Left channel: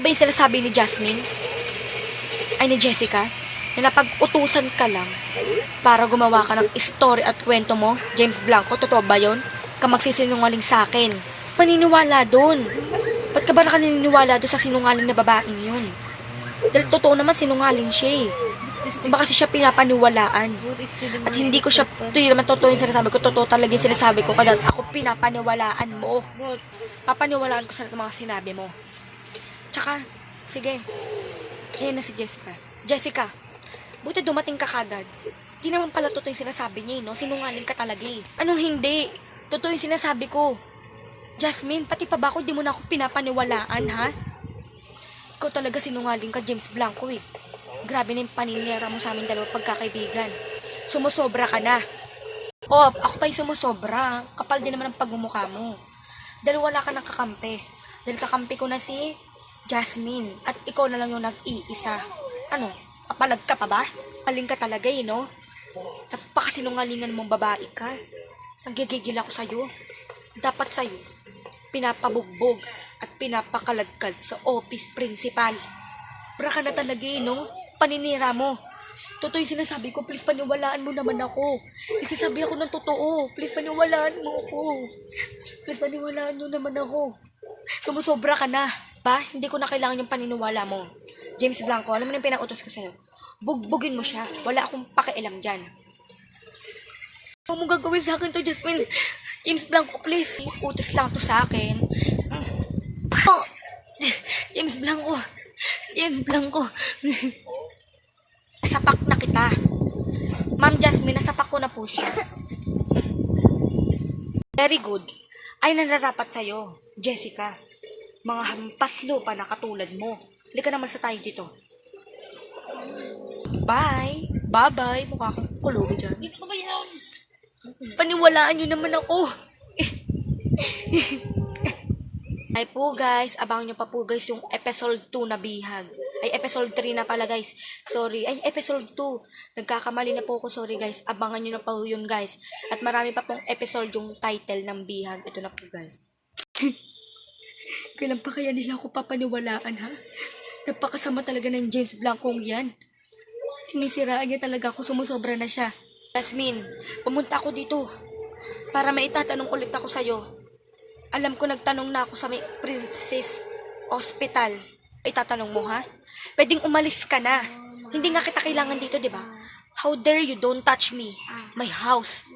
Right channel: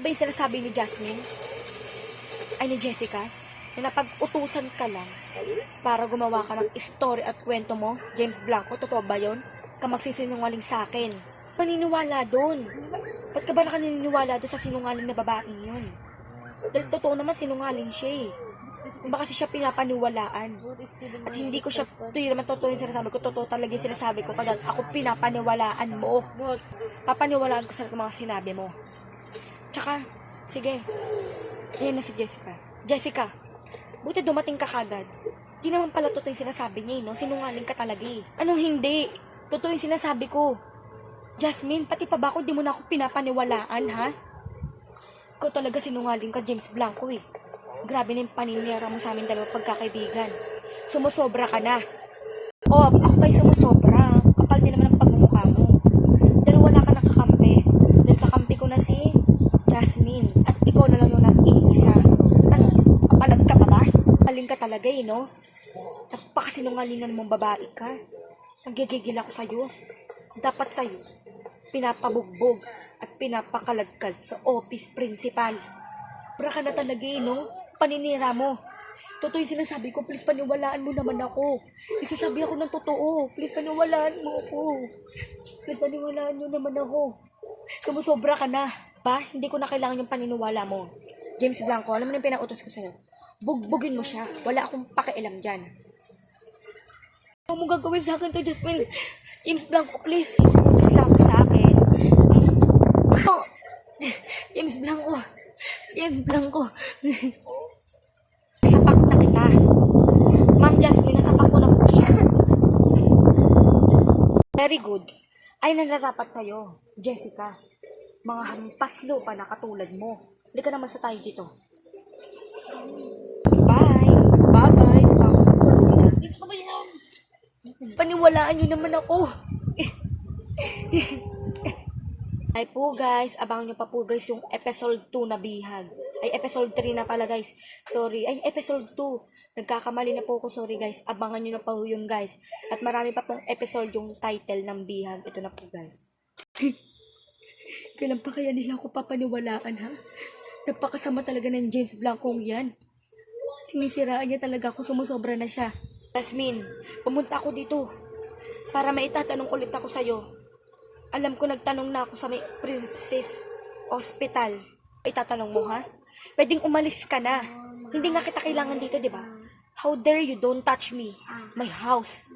Totoo ba yung sinasabi ni Jasmine? Ay, ni Jessica? Na napag-utusan ka lang para gumawa ka ng story at kwento mo, James Blanco? Totoo ba yun? Ka magsisinungaling sa akin. Paniniwala doon. Ba't ka ba nakaniniwala doon sa sinungaling na babaeng yun? Dahil totoo naman sinungaling siya eh. Baka kasi siya pinapaniwalaan. At hindi ko siya, ito yung naman totoo yung sinasabi ko, totoo talaga yung sinasabi ko, kaya ako pinapaniwalaan mo. Papaniwalaan ko sa mga sinabi mo. Tsaka, sige, ayan na si Jessica. Jessica, buti dumating ka kagad. Di naman pala totoo yung sinasabi niya, no? Sinungaling ka talaga eh. Anong hindi? Totoo yung sinasabi ko. Jasmine, pati pa ba ako, di mo na ako pinapaniwalaan, ha? Ikaw talaga sinungaling ka, James Blanco eh. Grabe na yung paninira mo sa amin dalawa pagkakaibigan. Sumusobra ka na. O, ako ba'y sumusobra? Kapal din naman ang pagmumukha mo. Dahil wala ka ng kakampi. Dahil kakampi ko na si Jasmine. At ikaw na lang yung nag-iisa. Ano? Kapalag ka pa ba? Paling ka talaga eh, no? Napakasinungalingan mong babae ka. Nagigigil ako sa'yo. Dapat sa'yo, pinapabugbog at pinapakaladkad sa office principal. Sobra ka na talaga eh, no? Paninira mo. Totoo yung sinasabi ko, please paniwalaan mo naman ako. Nagsasabi ako ng totoo. Please paniwalaan mo ako. Please paniwalaan mo naman ako. Sumusobra ka na. Ba? Hindi ko na kailangan yung paniniwala mo. James Blanco, alam mo na yung pinautos ko sa'yo. Bugbugin mo siya. Wala akong pakialam dyan. Ano mo gagawin sa akin to, Jasmine? James Blanco, please. Utos lang to sa akin. Oh! James Blanco. James Blanco. Nasapak na kita. Ma'am Jasmine, nasapak ko na po siya. Very good. Ay nararapat sa'yo, Jessica. Mga hampas lupa na katulad mo. Hindi ka naman sa tayo dito. Bye. Bye-bye. Makakulo dyan. Dito ba yan? Paniwalaan nyo naman ako. Ay po guys, abangan nyo pa po guys yung episode 2 na bihag. Ay episode 3 na pala guys. Sorry, ay episode 2. Nagkakamali na po ako, sorry guys. Abangan nyo na po yun guys. At marami pa pong episode yung title ng bihag. Ito na po guys. Kailan pa kaya nila ako papaniwalaan ha? Napakasama talaga ng James Blanco yan. Sinisiraan niya talaga ako, sumusobra na siya. Jasmine, pumunta ako dito para maitatanong ulit ako sa'yo. Alam ko nagtanong na ako sa may Princess Hospital. Ay tatanong mo ha? Pwedeng umalis ka na. Hindi nga kita kailangan dito, di ba? How dare you don't touch me? My house.